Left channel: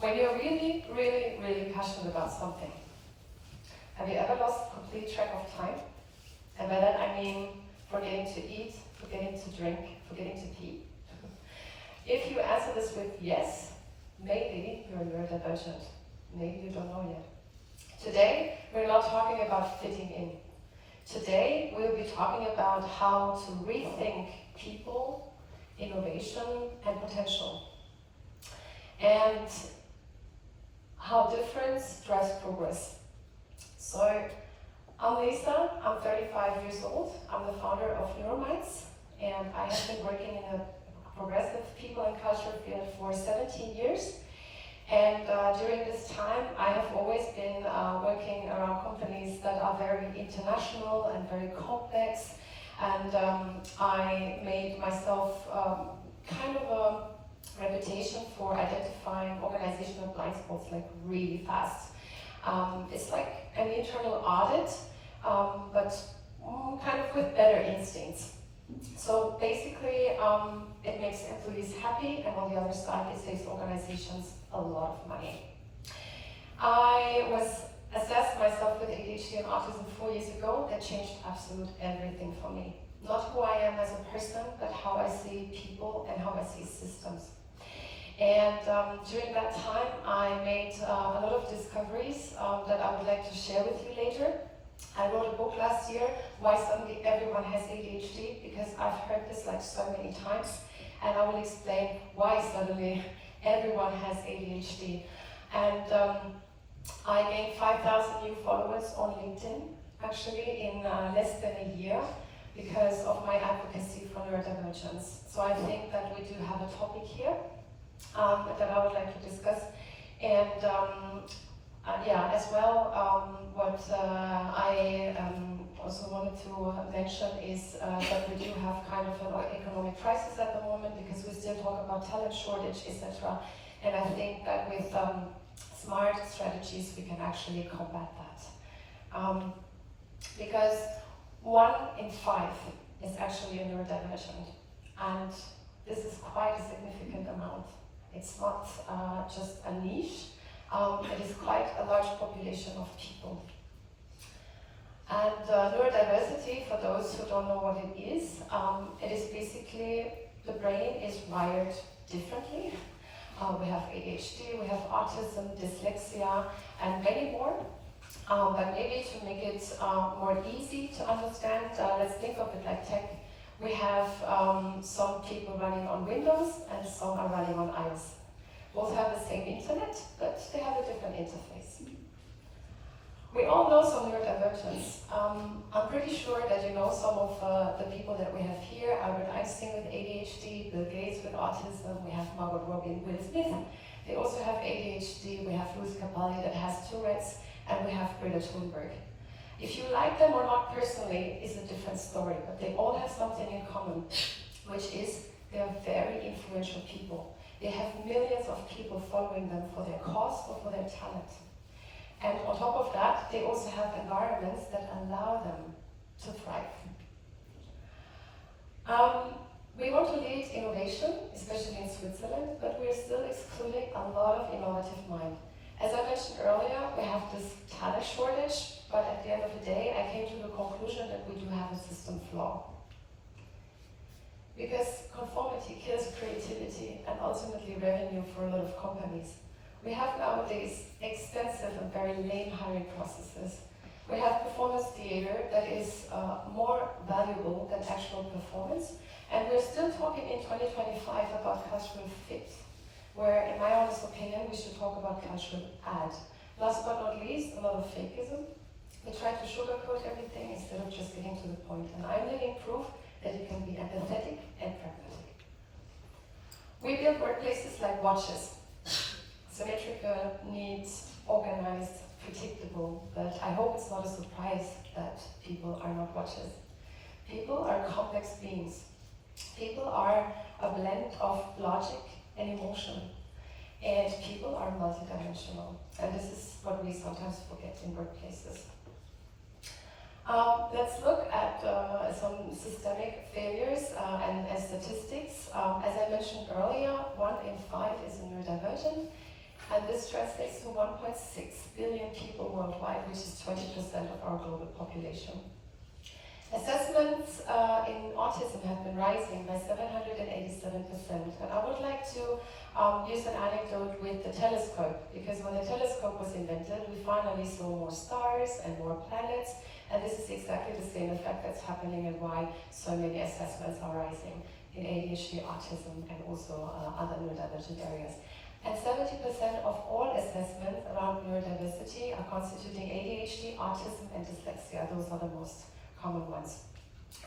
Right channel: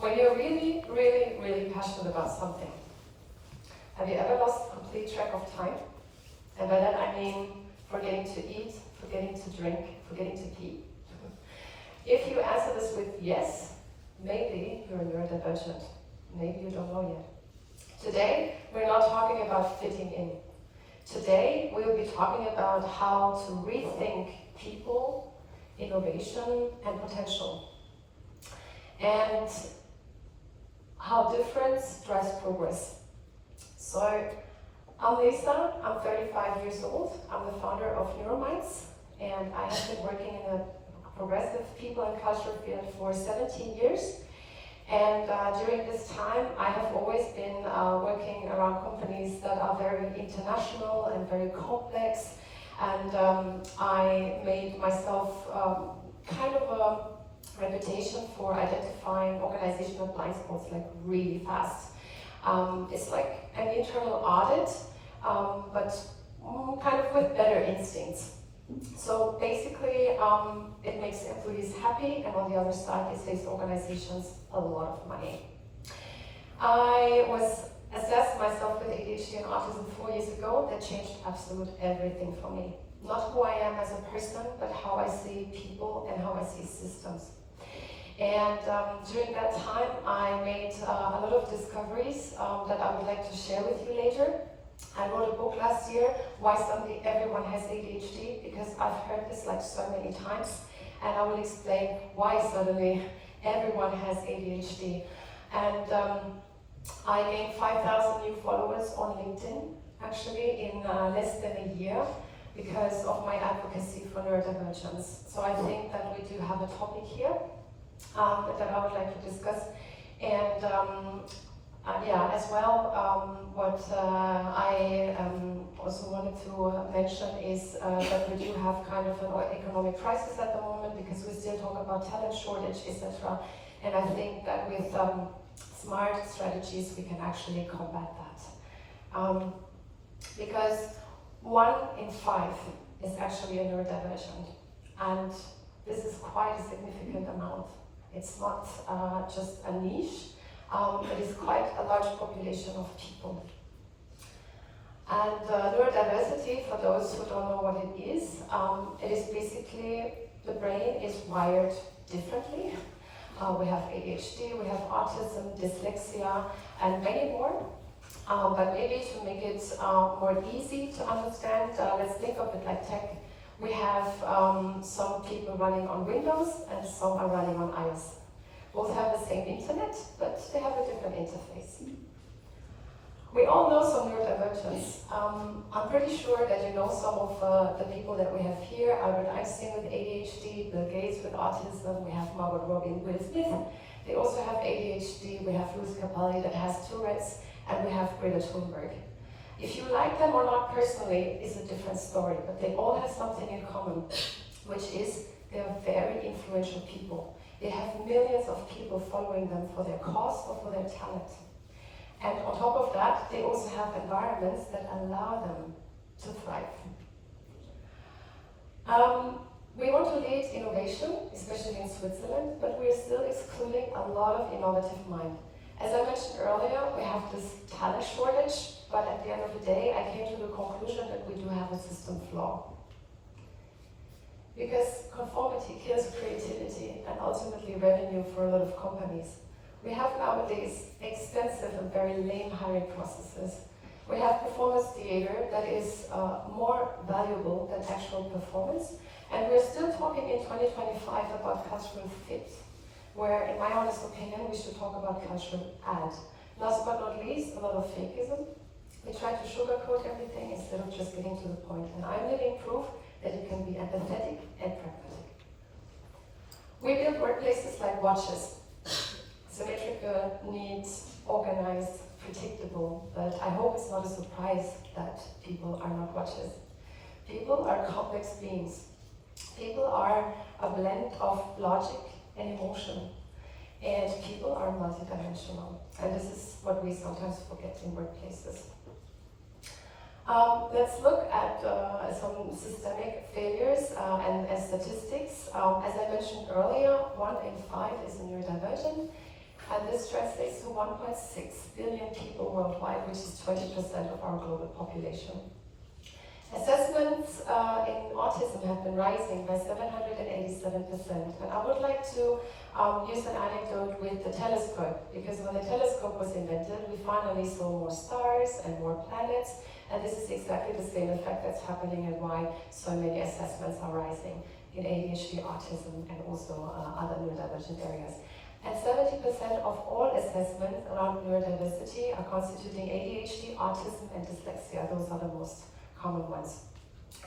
When you're really, really, really passionate about something, have you ever lost complete track of time? And by that I mean forgetting to eat, forgetting to drink, forgetting to pee. If you answer this with yes, maybe you're neurodivergent. Maybe you don't know yet. Today, we're not talking about fitting in. Today, we'll be talking about how to rethink people, innovation, and potential. And how difference drives progress. So, I'm Lisa, I'm 35 years old. I'm the founder of Neurodivergence, and I have been working in a progressive people and culture field for 17 years. And during this time, I have always been working around companies that are very international and very complex. And I made myself kind of a reputation for identifying organizational blind spots like really fast. It's like an internal audit, but kind of with better instincts. So basically, it makes employees happy, and on the other side, it saves organizations a lot of money. I was assessed myself with ADHD and autism 4 years ago. That changed absolutely everything for me. Not who I am as a person, but how I see people and how I see systems. And during that time, I made a lot of discoveries that I would like to share with you later. I wrote a book last year, Why Suddenly Everyone Has ADHD, because I've heard this like so many times, and I will explain why suddenly everyone has ADHD. And I gained 5,000 new followers on LinkedIn, actually in less than a year, because of my advocacy for neurodivergence. So I think that we do have a topic here that I would like to discuss. And yeah, as well, what I also wanted to mention is that we do have kind of an economic crisis at the moment, because we still talk about talent shortage, etc. And I think that with smart strategies, we can actually combat that. Because 1 in 5 is actually a neurodivergent, and this is quite a significant amount. It's not just a niche. It is quite a large population of people. And neurodiversity, for those who don't know what it is basically the brain is wired differently. We have ADHD, we have autism, dyslexia, and many more. But maybe to make it more easy to understand, let's think of it like tech. We have some people running on Windows and some are running on iOS. Both have the same internet, but they have a different interface. We all know some neurodivergence. I'm pretty sure that you know some of the people that we have here. Albert Einstein with ADHD, Bill Gates with autism, we have Margot Robbie and Will Smith. They also have ADHD, we have Louis Capaldi that has Tourette's, and we have Greta Thunberg. If you like them or not personally is a different story, but they all have something in common, which is they are very influential people. They have millions of people following them for their cause or for their talent. And on top of that, they also have environments that allow them to thrive. We want to lead innovation, especially in Switzerland, but we're still excluding a lot of innovative mind. As I mentioned earlier, we have this talent shortage, but at the end of the day, I came to the conclusion that we do have a system flaw. Because conformity kills creativity and ultimately revenue for a lot of companies. We have nowadays extensive and very lame hiring processes. We have performance theater that is more valuable than actual performance. And we're still talking in 2025 about cultural fit, where in my honest opinion, we should talk about cultural add. Last but not least, a lot of fakeism. We try to sugarcoat everything instead of just getting to the point. And I'm living proof that you can be empathetic and pragmatic. We build workplaces like watches. Symmetrical, neat, organized, predictable, but I hope it's not a surprise that people are not watches. People are complex beings. People are a blend of logic and emotion. And people are multidimensional. And this is what we sometimes forget in workplaces. Let's look at some systemic failures and statistics. As I mentioned earlier, 1 in 5 is a neurodivergent. and this translates to 1.6 billion people worldwide, which is 20% of our global population. Assessments in autism have been rising by 787%, and I would like to use an anecdote with the telescope, because when the telescope was invented, we finally saw more stars and more planets, and this is exactly the same effect that's happening and why so many assessments are rising in ADHD, autism, and also other neurodivergent areas. And 70% of all assessments around neurodiversity are constituting ADHD, autism, and dyslexia. Those are the most common ones.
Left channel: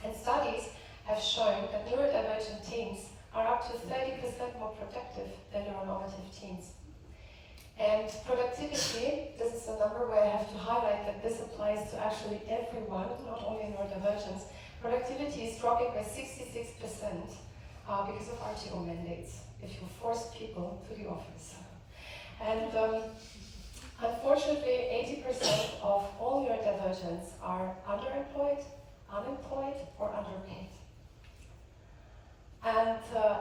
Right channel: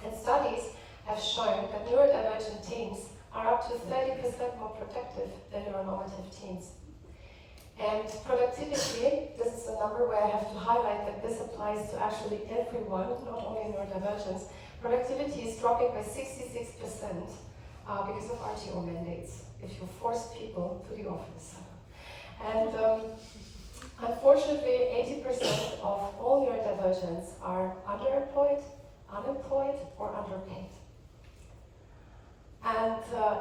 And studies have shown that neurodivergent teens are up to 30% more productive than neuronormative teens. And productivity, this is a number where I have to highlight that this applies to actually everyone, not only neurodivergence. Productivity is dropping by 66% because of RTO mandates, if you force people to the office. And unfortunately, 80% of all neurodivergents are underemployed, unemployed, or underpaid. And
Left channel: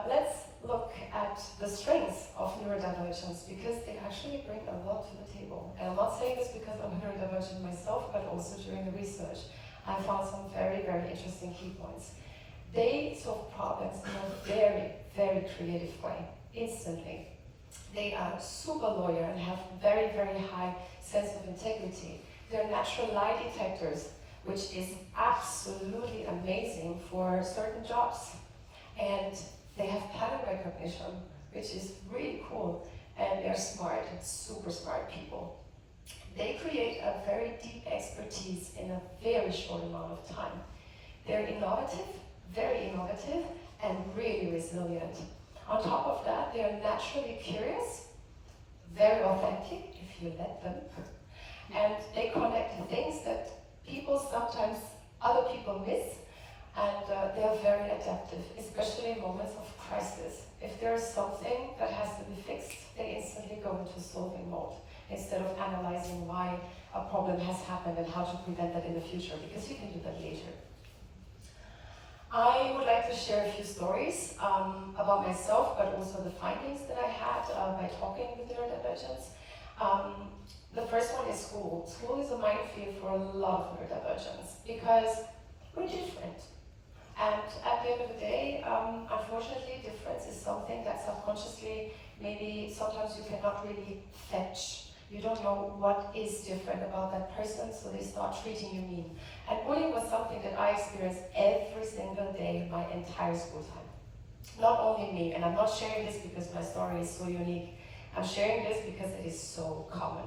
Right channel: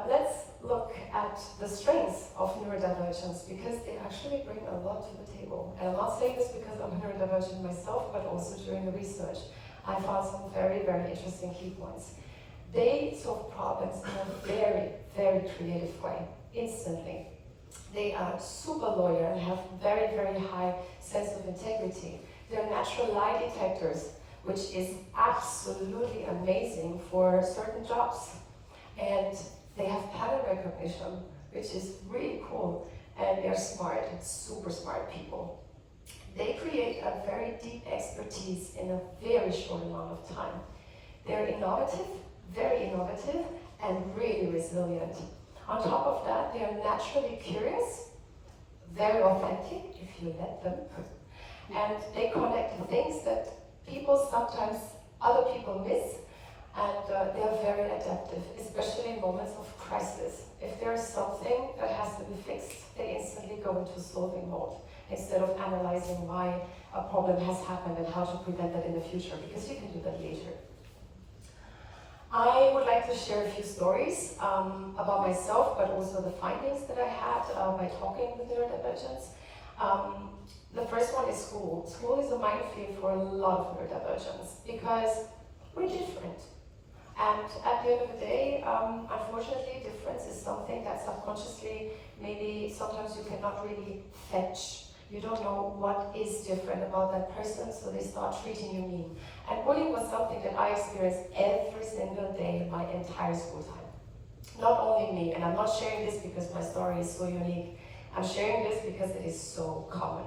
let's look at the strengths of neurodivergence, because they actually bring a lot to the table. And I'm not saying this because I'm neurodivergent myself, but also during the research, I found some very, very interesting key points. They solve problems in a very, very creative way, instantly. They are super loyal and have very, very high sense of integrity. They're natural lie detectors, which is absolutely amazing for certain jobs. And they have pattern recognition, which is really cool. And they're smart, super smart people. They create a very deep expertise in a very short amount of time. They're innovative, very innovative, and really resilient. On top of that, they are naturally curious, very authentic, if you let them. And they connect things that other people miss, and they're very adaptive, especially in moments of crisis. If there is something that has to be fixed, they instantly go into solving mode, instead of analyzing why a problem has happened and how to prevent that in the future, because you can do that later. I would like to share a few stories about myself, but also the findings that I had by talking with neurodivergents. The first one is school. School is a minefield for a lot of neurodivergents because we're different. And at the end of the day, unfortunately, difference is something that subconsciously, maybe sometimes you cannot really fetch. You don't know what is different about that person, so they start treating you mean. And bullying was something that I experienced every single day my entire school time. Not only me, and I'm not sharing this because my story is so unique. I'm sharing this because it is so common.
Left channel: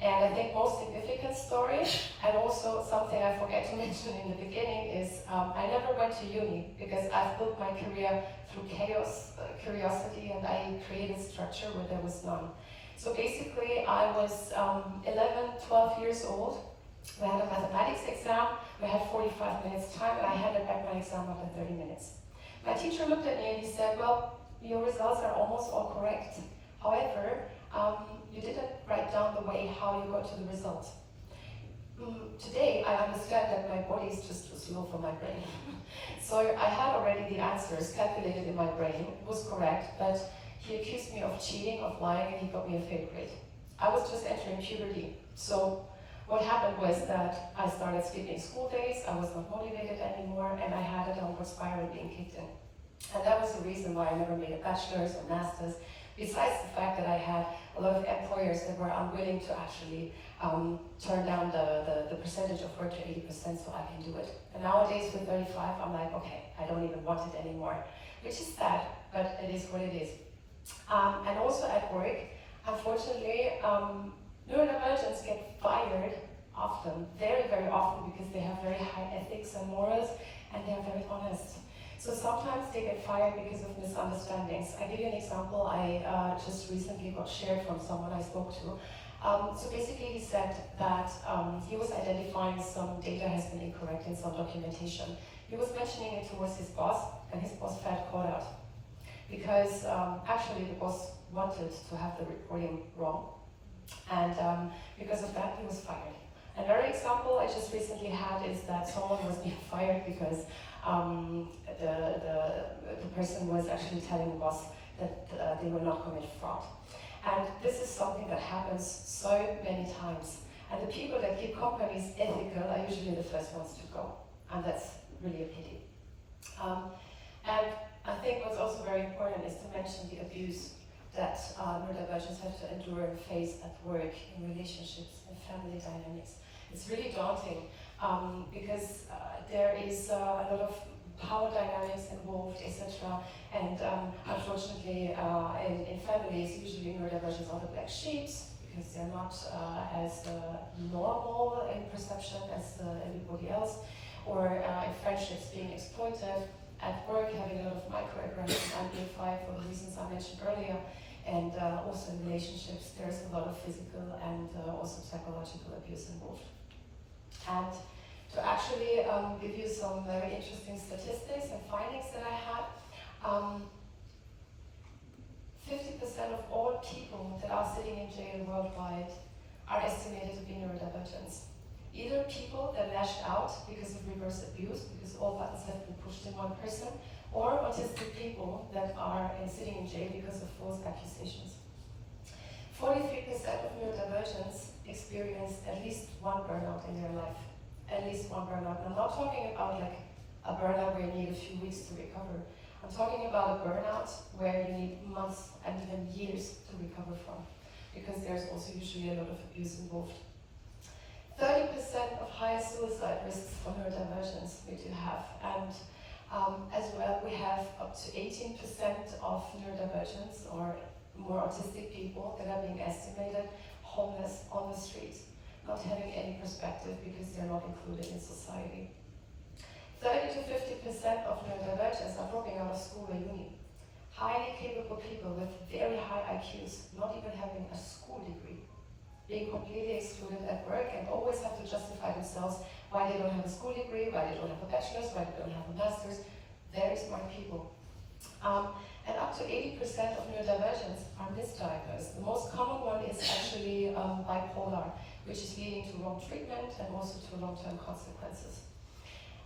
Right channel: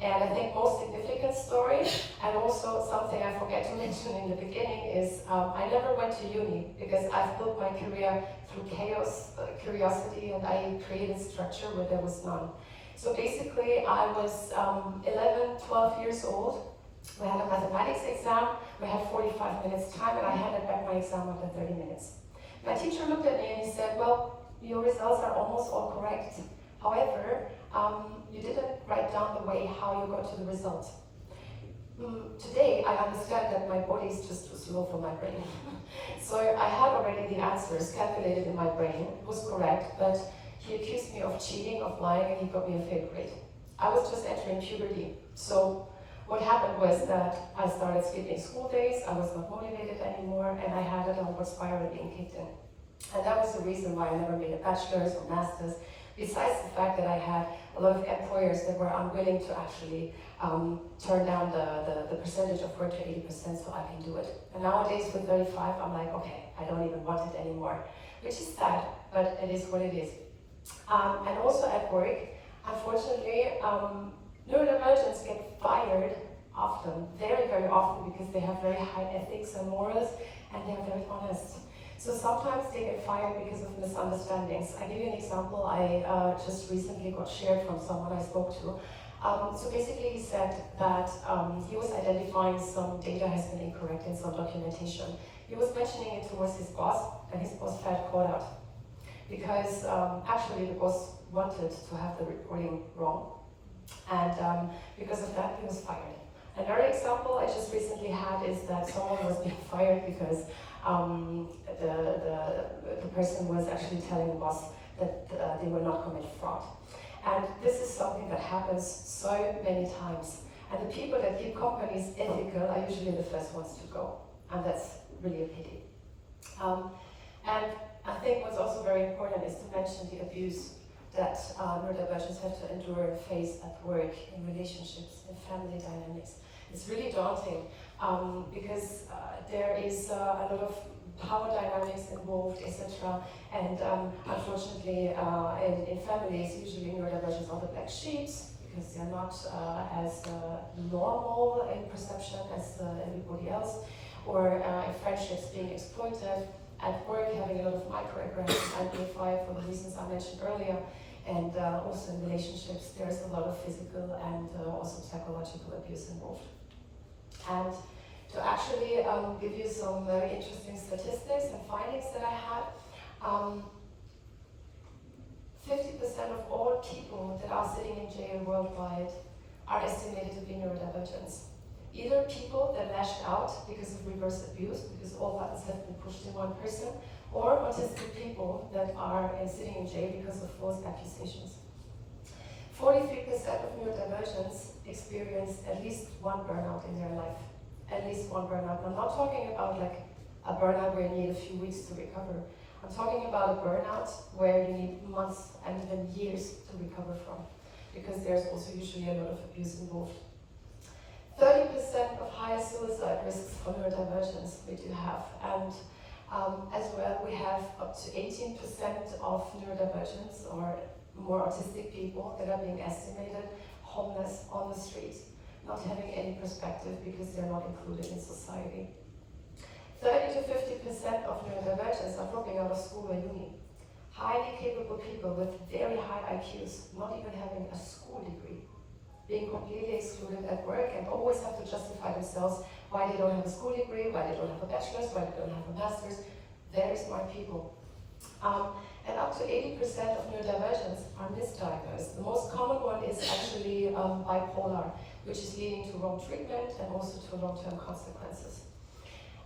And I think most significant story, and also something I forget to mention in the beginning, is I never went to uni because I've built my career through chaos, curiosity, and I created structure where there was none. So basically, I was 11, 12 years old. We had a mathematics exam. We had 45 minutes time, and I handed back my exam after 30 minutes. My teacher looked at me and he said, well, your results are almost all correct. However, you didn't write down the way how you got to the result. Today, I understand that my body is just too slow for my brain. So I had already the answers calculated in my brain. It was correct, but he accused me of cheating, of lying, and he got me a fail grade. I was just entering puberty. So what happened was that I started skipping school days, I was not motivated anymore, and I had a downward spiral being kicked in. And that was the reason why I never made a bachelor's or master's, besides the fact that I had a lot of employers that were unwilling to actually turn down the percentage of work to 80% so I can do it. And nowadays with 35, I'm like, okay, I don't even want it anymore, which is sad, but it is what it is. And also at work, unfortunately, neurodivergents get fired often, very, very often, because they have very high ethics and morals, and they are very honest. So sometimes they get fired because of misunderstandings. I give you an example. I just recently got shared from someone I spoke to. So basically he said that he was identifying some data has been incorrect in some documentation. He was mentioning it towards his boss, and his boss felt caught out. Because actually the boss wanted to have the reporting wrong. And because of that, he was fired. Another example I just recently had is that someone was being fired because the person was actually telling the boss that they will not commit fraud. And this is something that happens so many times. And the people that keep companies ethical are usually the first ones to go. And that's really a pity. And I think what's also very important is to mention the abuse that neurodivergents have to endure and face at work, in relationships, in family dynamics. It's really daunting because there is a lot of power dynamics involved, etc. And unfortunately, in families, usually neurodivergents are the black sheep because they're not as normal in perception as everybody else, or in friendships being exploited, at work having a lot of microaggressions amplified for the reasons I mentioned earlier, and also in relationships, there's a lot of physical and also psychological abuse involved. And to actually give you some very interesting statistics and findings that I had, 50% of all people that are sitting in jail worldwide are estimated to be neurodivergents. Either people that lashed out because of reverse abuse, because all buttons have been pushed in one person, or autistic people that are sitting in jail because of false accusations. 43% of neurodivergents experience at least one burnout in their life. At least one burnout. I'm not talking about like a burnout where you need a few weeks to recover. I'm talking about a burnout where you need months and even years to recover from, because there's also usually a lot of abuse involved. 30% of higher suicide risks for neurodivergence we do have, and as well we have up to 18% of neurodivergents or more autistic people that are being estimated homeless on the streets, not having any perspective because they're not included in society. 30 to 50% of neurodivergents are dropping out of school or uni. Highly capable people with very high IQs, not even having a school degree, being completely excluded at work and always have to justify themselves why they don't have a school degree, why they don't have a bachelor's, why they don't have a master's. Very smart people. And up to 80% of neurodivergents are misdiagnosed. The most common one is actually bipolar, which is leading to wrong treatment and also to long-term consequences.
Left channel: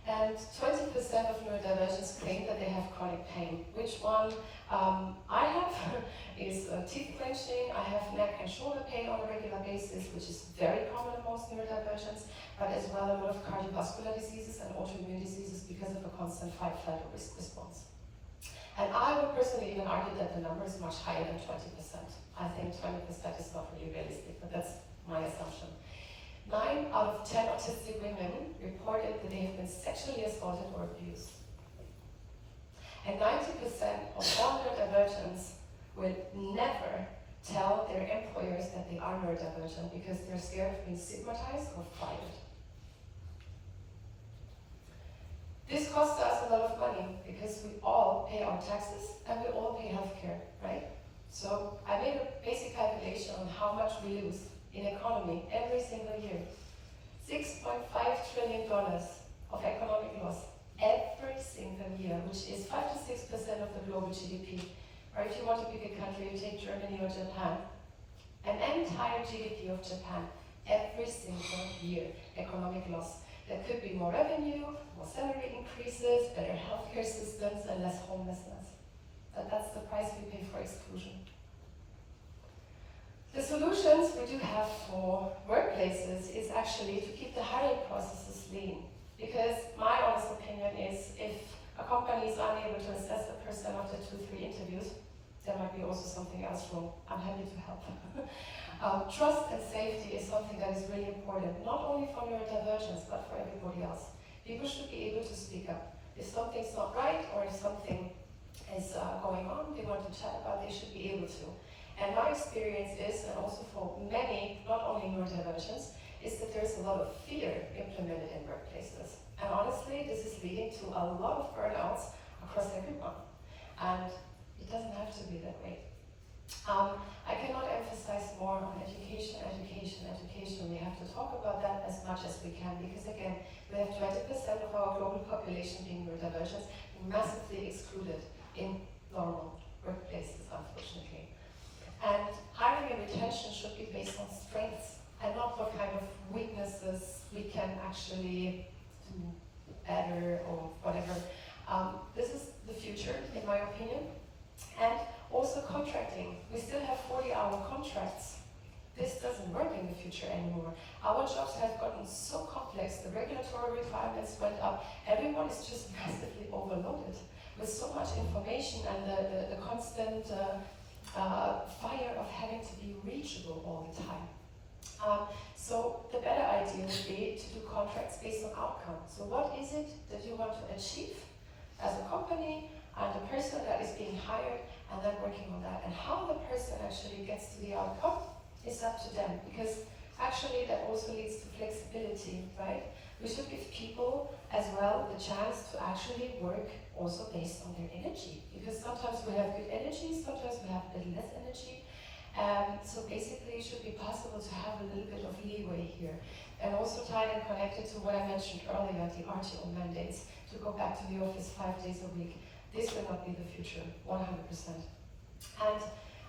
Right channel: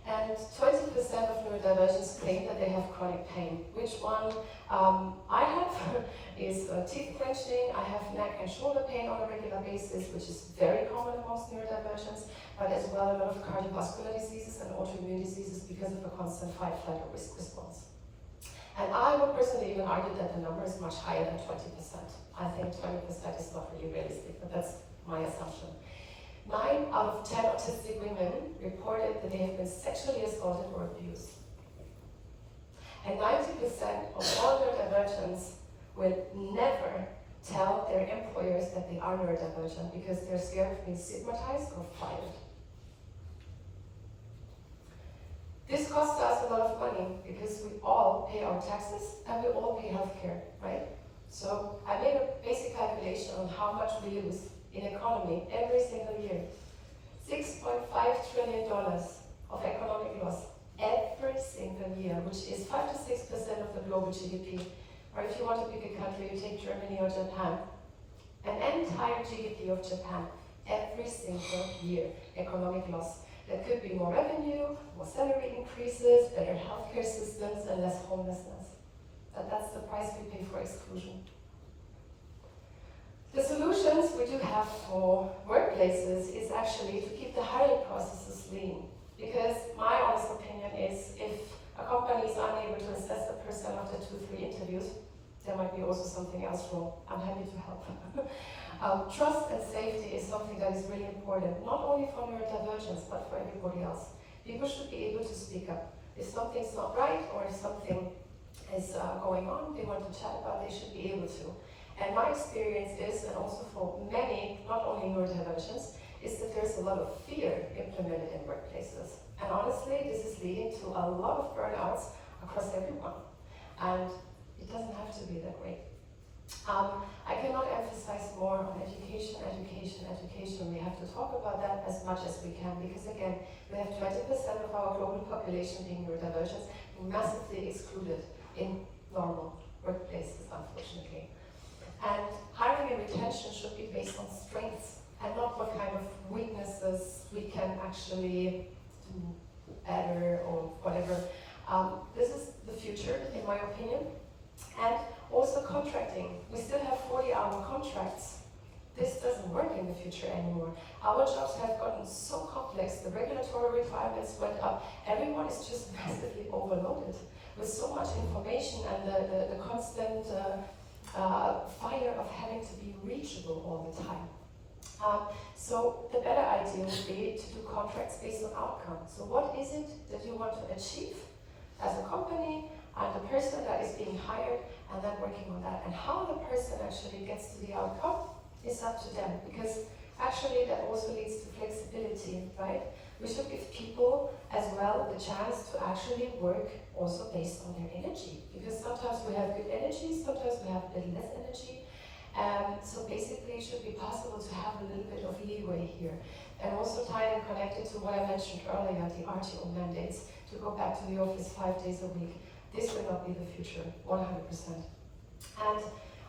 And 20% of neurodivergents claim that they have chronic pain. Which one I have is teeth clenching. I have neck and shoulder pain on a regular basis, which is very common amongst neurodivergents, but as well a lot of cardiovascular diseases and autoimmune diseases because of a constant fight, flight, or risk response. And I would personally even argue that the number is much higher than 20%. I think 20% is not really realistic, but that's my assumption. 9 out of 10 autistic women reported that they have been sexually assaulted or abused. And 90% of all neurodivergents will never tell their employers that they are neurodivergent because they're scared of being stigmatized or fired. This costs us a lot of money because we all pay our taxes and we all pay healthcare, right? So I made a basic calculation on how much we lose in economy every single year. $6.5 trillion of economic loss every single year, which is 5 to 6% of the global GDP. Or if you want to pick a country, you take Germany or Japan. An entire GDP of Japan every single year, economic loss. There could be more revenue, more salary increases, better healthcare systems, and less homelessness. That's the price we pay for exclusion. The solutions we do have for workplaces is actually to keep the hiring processes lean. Because my honest opinion is if a company is unable to assess a person after 2-3 interviews, there might be also something else wrong. I'm happy to help. Trust and safety is something that is really important, not only for neurodivergence, but for everybody else. People should be able to speak up. If something's not right or if something is going on, they want to chat about, they should be able to. And my experience is, and also for many, not only neurodivergents, is that there's a lot of fear implemented in workplaces. And honestly, this is leading to a lot of burnouts across everyone. And it doesn't have to be that way. I cannot emphasize more on education, education, education. We have to talk about that as much as we can, because again, we have 20% of our global population being neurodivergent, massively excluded in normal workplaces, unfortunately. And hiring and retention should be based on strengths and not what kind of weaknesses we can actually do better or whatever. This is the future, in my opinion. And also also contracting. We still have 40-hour contracts. This doesn't work in the future anymore. Our jobs have gotten so complex, the regulatory requirements went up, everyone is just massively overloaded with so much information and the constant fire of having to be reachable all the time. So the better idea would be to do contracts based on outcome. So what is it that you want to achieve as a company and the person that is being hired, and then working on that. And how the person actually gets to the outcome is up to them, because actually that also leads to flexibility, right? We should give people as well the chance to actually work also based on their energy, because sometimes we have good energy, sometimes we have a little less energy. So basically it should be possible to have a little bit of leeway here. And also tied and connected to what I mentioned earlier, the RTO mandates, to go back to the office 5 days a week. This will not be the future, 100%. And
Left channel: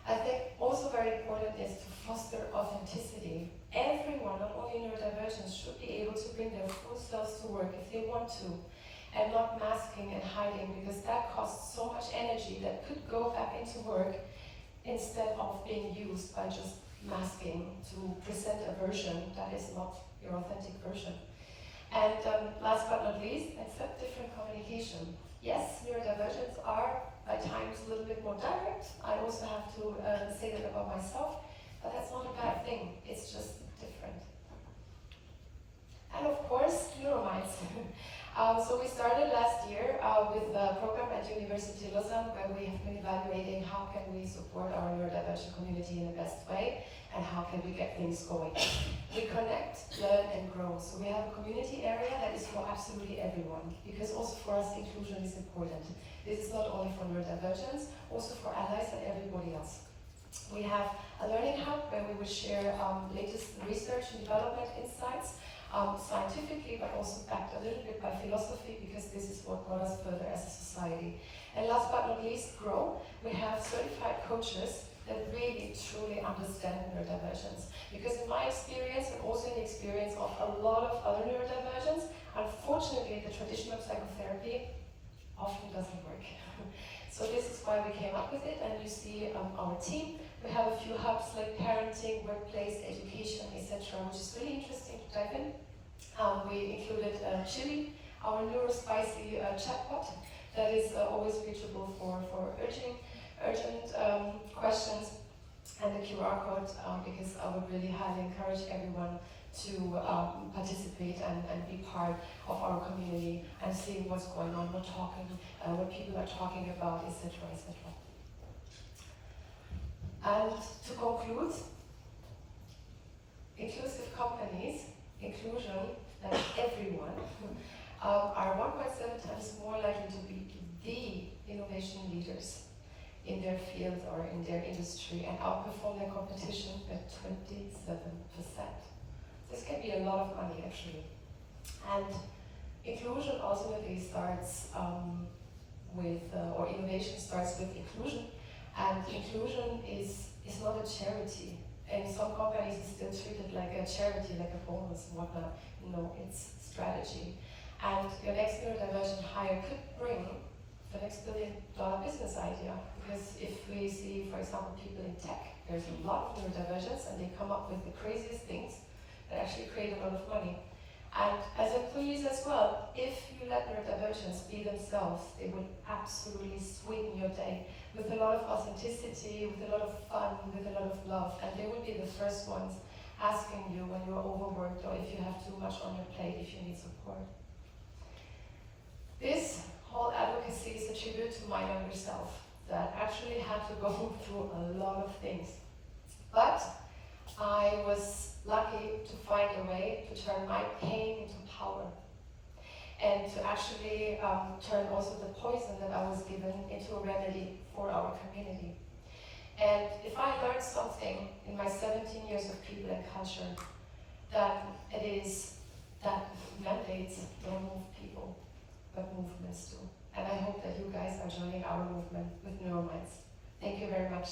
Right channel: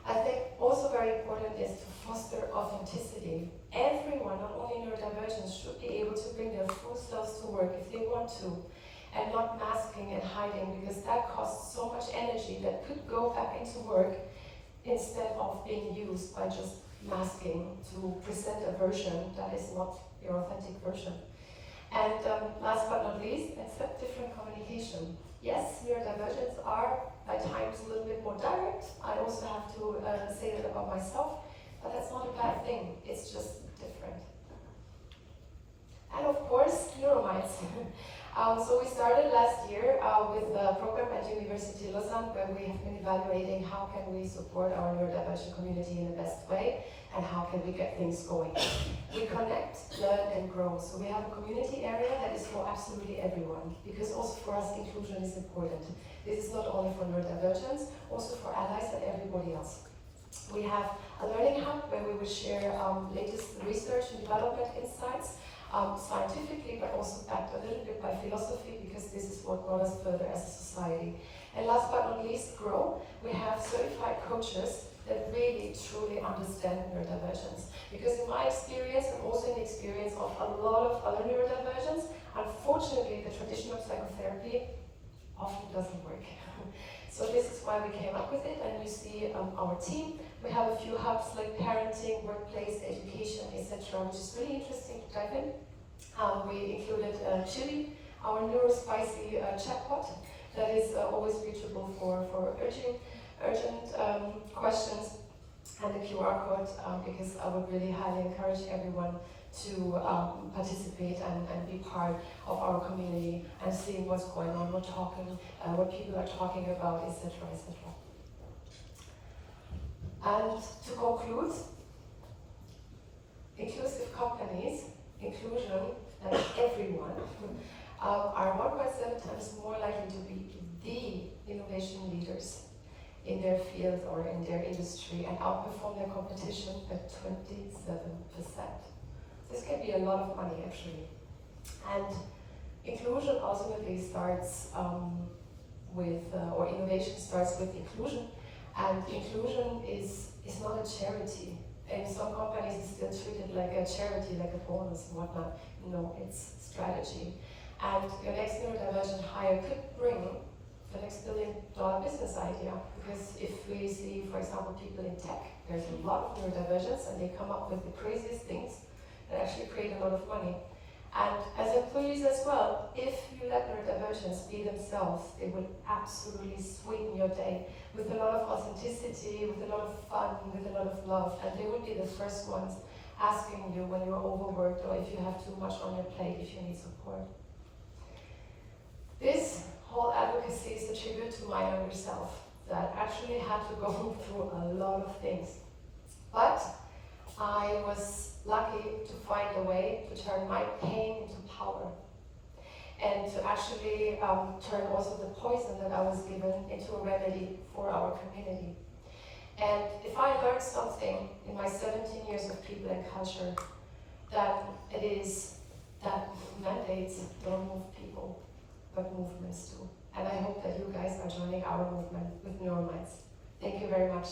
I think also very important is to foster authenticity. Everyone, not only neurodivergents, should be able to bring their full selves to work if they want to, and not masking and hiding, because that costs so much energy that could go back into work instead of being used by just masking to present a version that is not your authentic version. And last but not least, accept different communication. Yes, neurodivergents are at times a little bit more direct. I also have to say that about myself, but that's not a bad thing. It's just different. And of course, neurominds. So we started last year with a program at University Lausanne where we have been evaluating how can we support our neurodivergent community in the best way and how can we get things going. We connect, learn and grow. So we have a community area that is for absolutely everyone, because also for us inclusion is important. This is not only for neurodivergents, also for allies and everybody else. We have a learning hub where we will share latest research and development insights, scientifically, but also backed a little bit by philosophy, because this is what brought us further as a society. And last but not least, grow. We have certified coaches that really truly understand neurodivergence. Because in my experience, and also in the experience of a lot of other neurodivergents, unfortunately the traditional psychotherapy often doesn't work. So this is why we came up with it, and you see our team. We have a few hubs like parenting, workplace, education, etc., which is really interesting to dive in. We included Chili, our neurospicy chatbot that is always reachable for urgent questions, and the QR code, because I would really highly encourage everyone to participate and be part of our community and see what's going on, what people are talking about, etc., etc. And to conclude, inclusive companies, inclusion, and everyone are 1.7 times more likely to be the innovation leaders in their field or in their industry and outperform their competition by 27%. This can be a lot of money, actually. And inclusion ultimately starts or innovation starts with inclusion. And inclusion is not a charity. In some companies, it's still treated like a charity, like a bonus and whatnot. No, it's strategy. And your next neurodivergent hire could bring the next billion-dollar business idea. Because if we see, for example, people in tech, there's a lot of neurodivergence and they come up with the craziest things that actually create a lot of money. And as employees as well, if you let neurodivergents be themselves, they will absolutely sweeten your day with a lot of authenticity, with a lot of fun, with a lot of love. And they will be the first ones asking you when you're overworked or if you have too much on your plate, if you need support. This whole advocacy is a tribute to my younger self that actually had to go through a lot of things. But I was lucky to find a way to turn my pain into power and to actually turn also the poison that I was given into a remedy for our community. And if I learned something in my 17 years of people and culture, that it is that mandates don't move people, but movements do. And I hope that you guys are joining our movement with Neurominds. Thank you very much.